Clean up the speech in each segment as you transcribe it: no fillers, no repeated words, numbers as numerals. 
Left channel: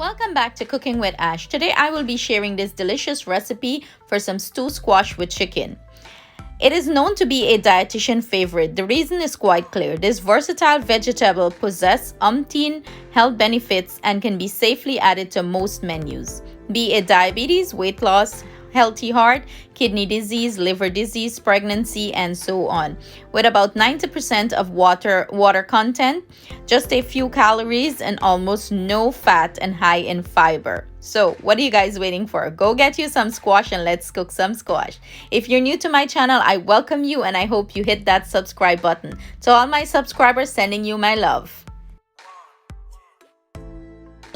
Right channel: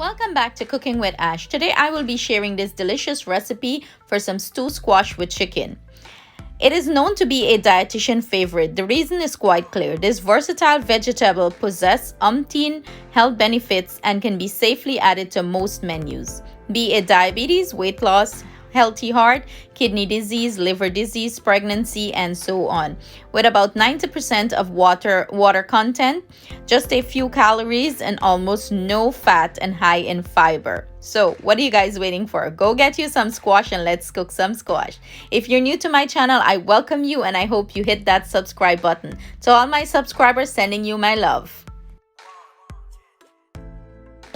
Welcome back to Cooking with Ash. Today I will be sharing this delicious recipe for some stew squash with chicken. It is known to be a dietitian favorite. The reason is quite clear. This versatile vegetable possesses umpteen health benefits and can be safely added to most menus, be it diabetes, weight loss, healthy heart, kidney disease, liver disease, pregnancy, and so on. With about 90% of water content, just a few calories, and almost no fat and high in fiber. So what are you guys waiting for? Go get you some squash and let's cook some squash. If you're new to my channel, I welcome you and I hope you hit that subscribe button. To all my subscribers, sending you my love.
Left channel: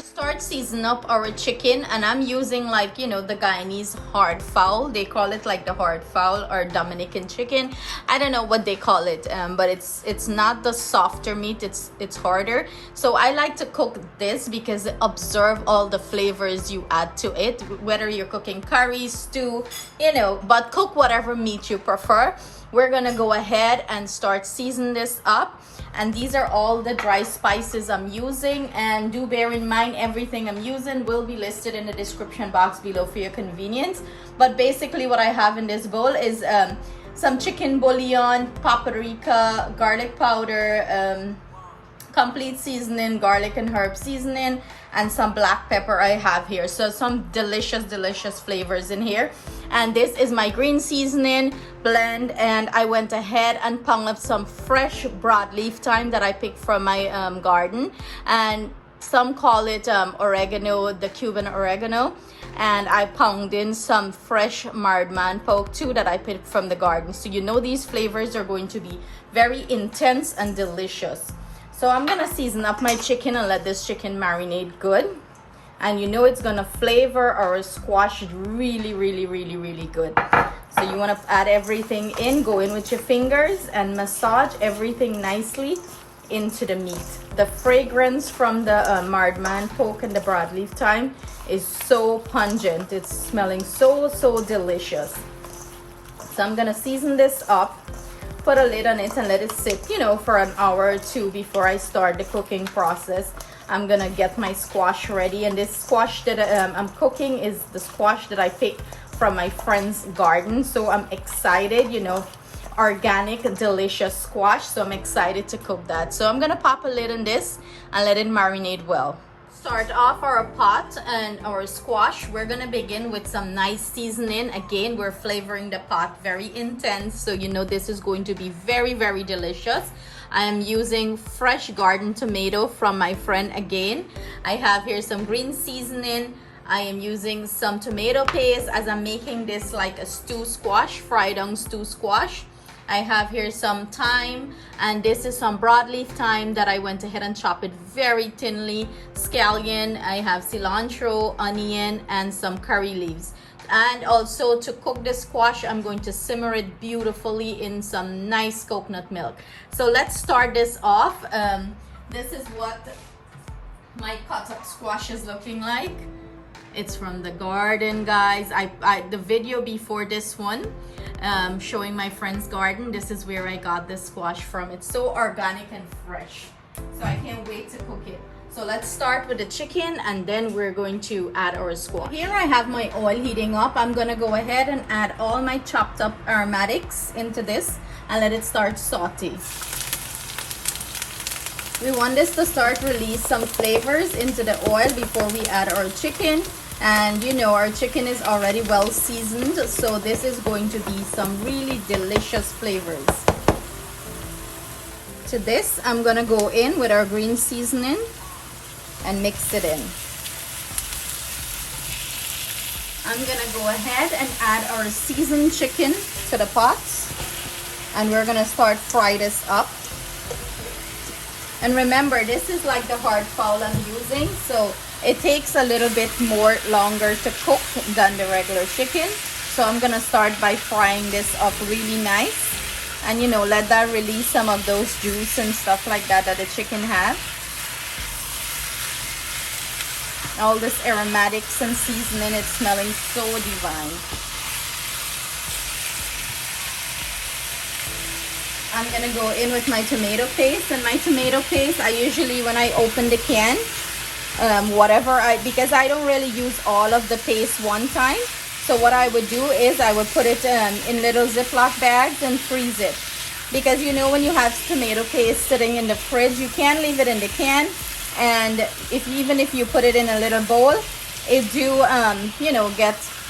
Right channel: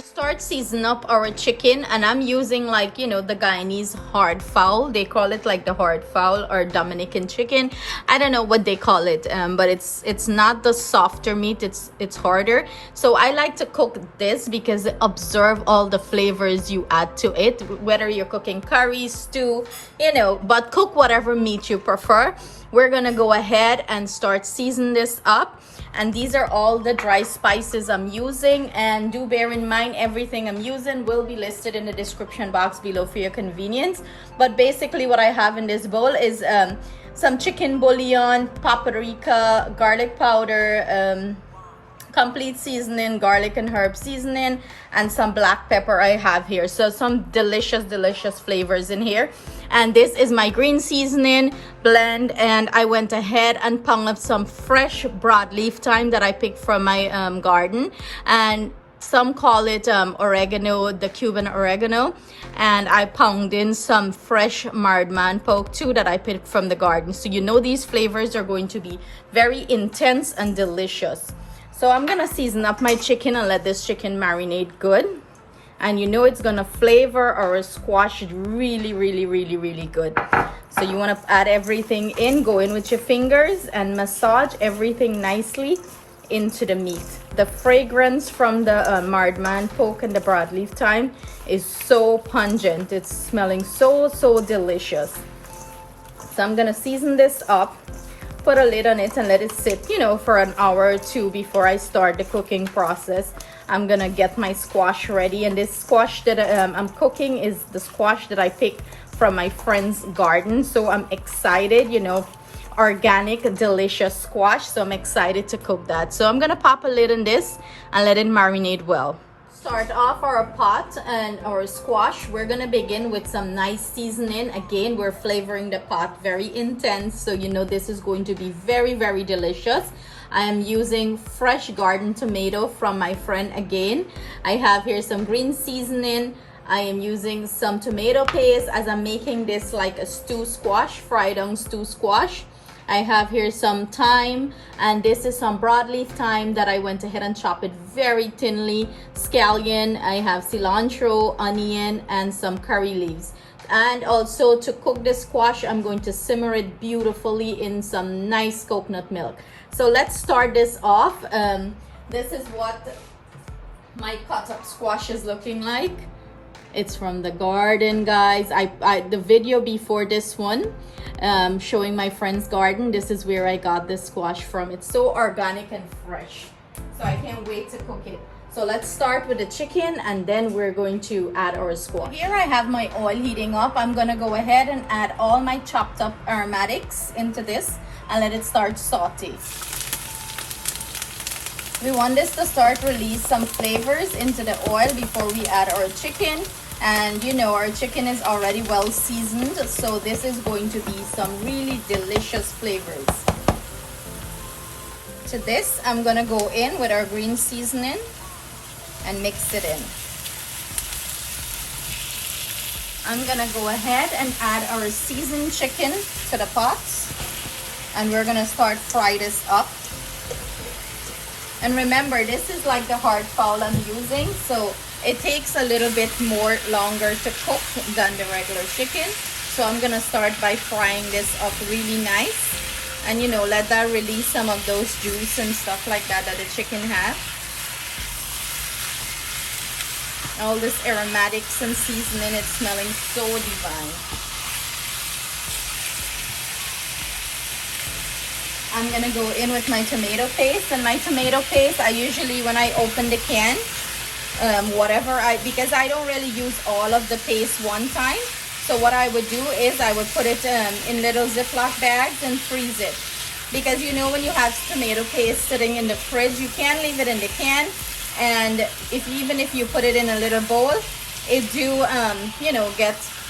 Start season up our chicken, and I'm using the Guyanese hard fowl. They call it like the hard fowl or Dominican chicken. I don't know what they call it, but it's not the softer meat, it's harder. So I like to cook this because it absorbs all the flavors you add to it, whether you're cooking curry, stew, but cook whatever meat you prefer. We're gonna go ahead and start season this up, and these are all the dry spices I'm using. And do bear in mind, everything I'm using will be listed in the description box below for your convenience. But basically what I have in this bowl is some chicken bouillon, paprika, garlic powder, complete seasoning, garlic and herb seasoning, and some black pepper I have here. So some delicious flavors in here. And this is my green seasoning blend, and I went ahead and pounded up some fresh broadleaf thyme that I picked from my garden, and some call it oregano, the Cuban oregano, and I pounded in some fresh marred man pork too that I picked from the garden. So these flavors are going to be very intense and delicious. So I'm gonna season up my chicken and let this chicken marinate good. And it's gonna flavor our squash really good. So you wanna add everything in, go in with your fingers and massage everything nicely into the meat. The fragrance from the marred man pork and the broadleaf thyme is so pungent. It's smelling so delicious. So I'm gonna season this up, put a lid on it, and let it sit for an hour or two before I start the cooking process. I'm gonna get my squash ready, and this squash that I'm cooking is the squash that I picked from my friend's garden. So I'm excited, organic delicious squash, so I'm excited to cook that. So I'm gonna pop a lid on this and let it marinate well. Start off our pot and our squash. We're gonna begin with some nice seasoning. Again, we're flavoring the pot very intense, so this is going to be very delicious. I am using fresh garden tomato from my friend again. I have here some green seasoning. I am using some tomato paste as I'm making this like a stew squash, fried down stew squash. I have here some thyme, and this is some broadleaf thyme that I went ahead and chopped it very thinly. Scallion, I have cilantro, onion, and some curry leaves. And also, to cook this squash, I'm going to simmer it beautifully in some nice coconut milk. So let's start this off. This is what my cut up squash is looking like. It's from the garden, guys. The video before this one, showing my friend's garden, this is where I got this squash from. It's so organic and fresh, so I can't wait to cook it. So let's start with the chicken, and then we're going to add our squash. Here I have my oil heating up. I'm gonna go ahead and add all my chopped up aromatics into this and let it start saute. We want this to start release some flavors into the oil before we add our chicken. And our chicken is already well seasoned, so this is going to be some really delicious flavors. To this, I'm gonna go in with our green seasoning and mix it in. I'm gonna go ahead and add our seasoned chicken to the pot, and we're gonna start fry this up. And remember, this is like the hard fowl I'm using, so it takes a little bit more longer to cook than the regular chicken. So I'm gonna start by frying this up really nice, and let that release some of those juice and stuff like that the chicken has. All this aromatics and seasoning, it's smelling so divine. I'm gonna go in with my tomato paste, and my tomato paste, I usually, when I open the can, whatever because I don't really use all of the paste one time. So what I would do is I would put it in little Ziploc bags and freeze it. Because you know when you have tomato paste sitting in the fridge, you can't leave it in the can. And even if you put it in a little bowl, it do, you know,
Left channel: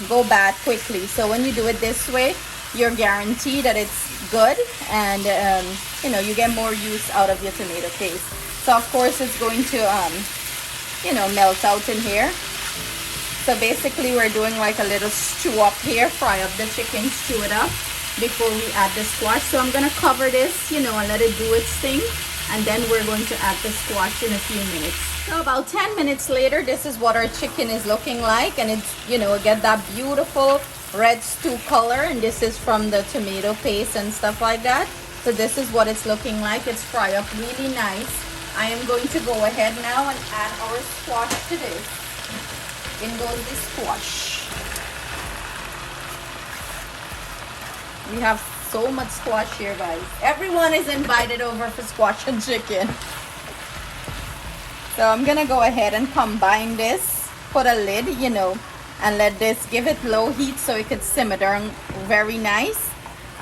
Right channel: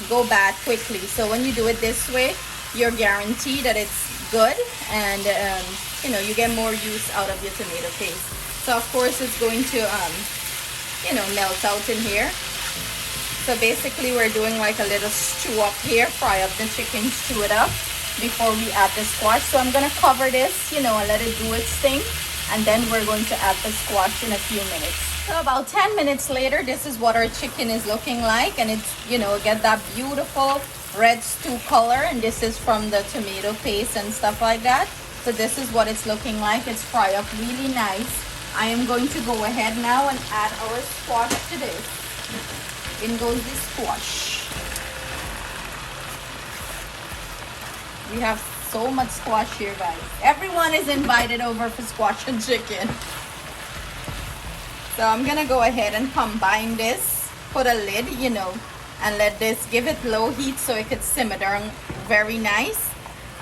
go bad quickly. So when you do it this way, you're guaranteed that it's good. And, you know, you get more use out of your tomato paste. So of course it's going to, you know, melt out in here. So basically we're doing like a little stew up here, fry up the chicken, stew it up before we add the squash. So I'm gonna cover this, you know, and let it do its thing, and then we're going to add the squash in a few minutes. So about 10 minutes later, this is what our chicken is looking like, and it's, you know, get that beautiful red stew color, and this is from the tomato paste and stuff like that. So this is what it's looking like. It's fried up really nice. I am going to go ahead now and add our squash to this. In goes the squash. We have so much squash here, guys. Everyone is invited over for squash and chicken. So I'm gonna go ahead and combine this, put a lid, you know, and let this, give it low heat so it could simmer down very nice.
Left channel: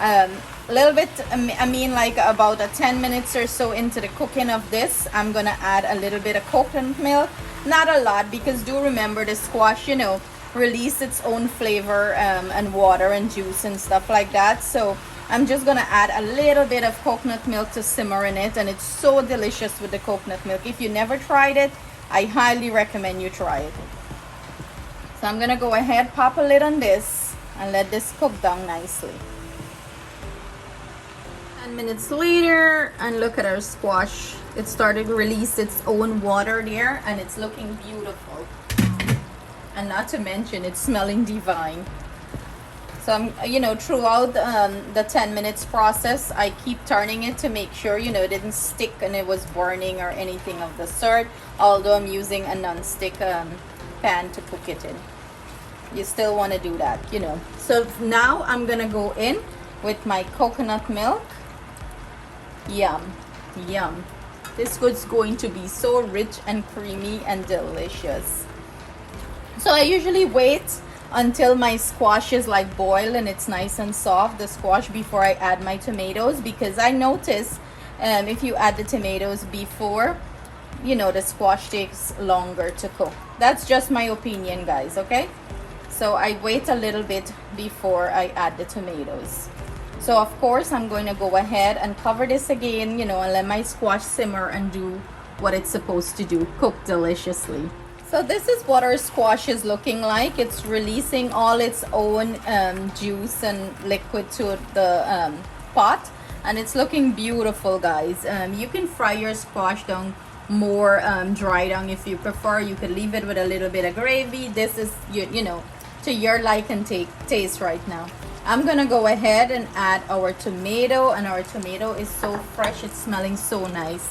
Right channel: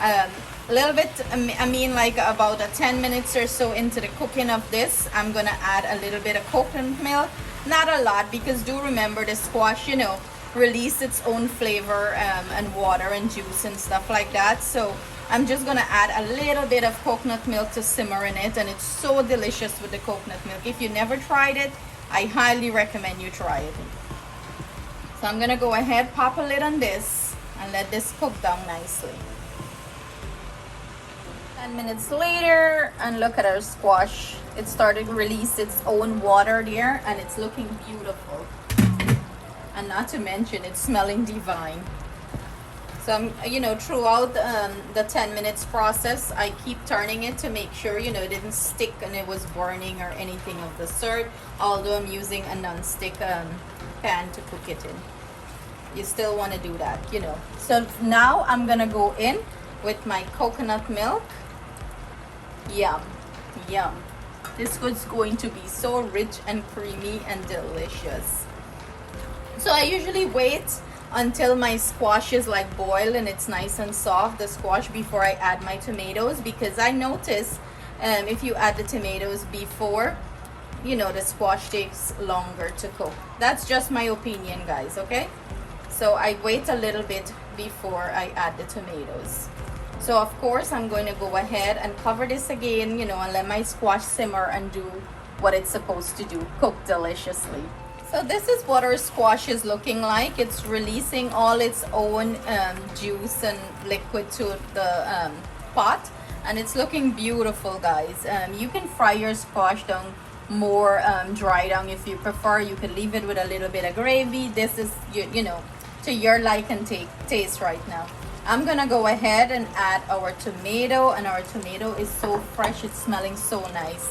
A little bit, I mean like about 10 minutes or so into the cooking of this, I'm gonna add a little bit of coconut milk. Not a lot, because do remember the squash, you know, release its own flavor and water and juice and stuff like that. So I'm just gonna add a little bit of coconut milk to simmer in it, and it's so delicious with the coconut milk. If you never tried it, I highly recommend you try it. So I'm gonna go ahead, pop a lid on this, and let this cook down nicely. 10 minutes later, and look at our squash. It started to release its own water there, and it's looking beautiful. And not to mention, it's smelling divine. So I'm, you know, throughout the 10 minutes process, I keep turning it to make sure, you know, it didn't stick and it was burning or anything of the sort. Although I'm using a non-stick pan to cook it in. You still want to do that, you know. So now I'm gonna go in with my coconut milk. Yum, yum. This is going to be so rich and creamy and delicious. So I usually wait until my squash is like boiled and it's nice and soft, the squash, before I add my tomatoes, because I notice if you add the tomatoes before, you know, the squash takes longer to cook. That's just my opinion, guys, okay? So I wait a little bit before I add the tomatoes. So of course I'm going to go ahead and cover this again, you know, and let my squash simmer and do what it's supposed to do, cook deliciously. So this is what our squash is looking like. It's releasing all its own juice and liquid to the pot, and it's looking beautiful, guys. You can fry your squash down more dry down if you prefer. You could leave it with a little bit of gravy. This is, you know, to your like and taste right now. I'm gonna go ahead and add our tomato, and our tomato is so fresh, it's smelling so nice.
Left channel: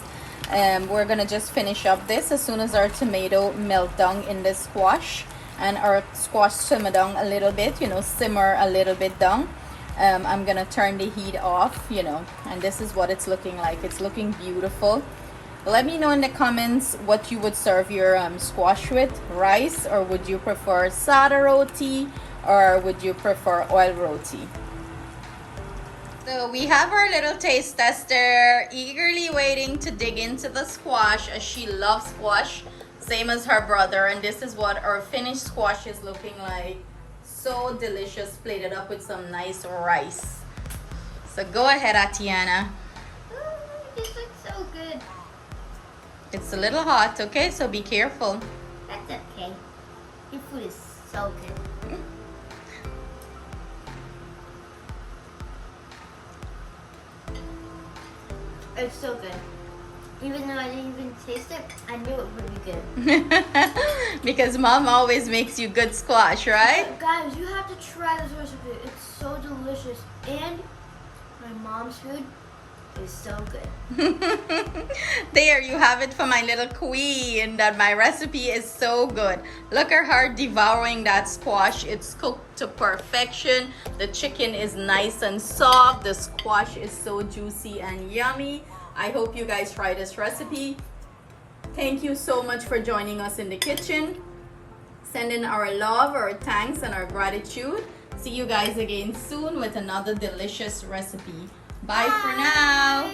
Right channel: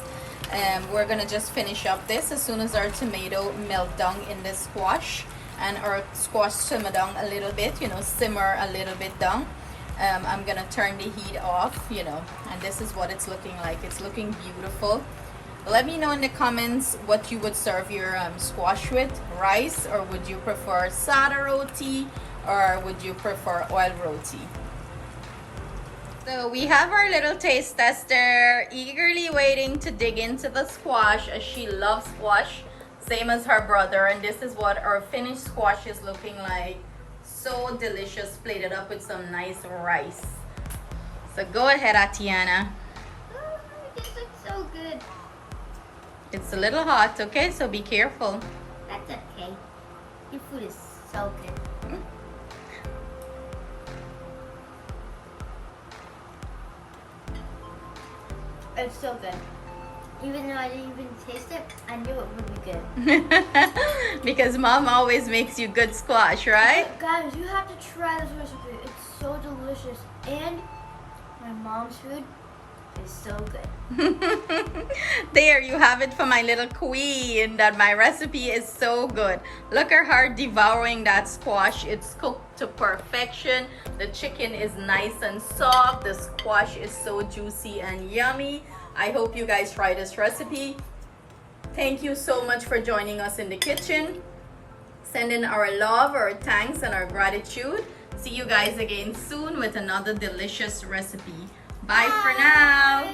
We're gonna just finish up this as soon as our tomato melt down in the squash and our squash simmer down a little bit, you know, simmer a little bit down. I'm gonna turn the heat off, you know, and this is what it's looking like. It's looking beautiful. Let me know in the comments what you would serve your squash with. Rice, or would you prefer sada roti, or would you prefer oil roti? So we have our little taste tester eagerly waiting to dig into the squash, as she loves squash, same as her brother. And this is what our finished squash is looking like. So delicious, plated up with some nice rice. So go ahead, Atiana. Oh, this looks so good. It's a little hot, okay? So be careful. That's okay. Your food is so good. It's so good. Even though I didn't even taste it, I knew it would be good. Because mom always makes you good squash, right? Guys, you have to try this recipe. It's so delicious. And my mom's food is so good. There you have it for my little queen, that my recipe is so good. Look at her devouring that squash. It's cooked to perfection. The chicken is nice and soft. The squash is so juicy and yummy. I hope you guys try this recipe. Thank you so much for joining us in the kitchen. Sending our love, our thanks, and our gratitude. See you guys again soon with another delicious recipe. Bye for now.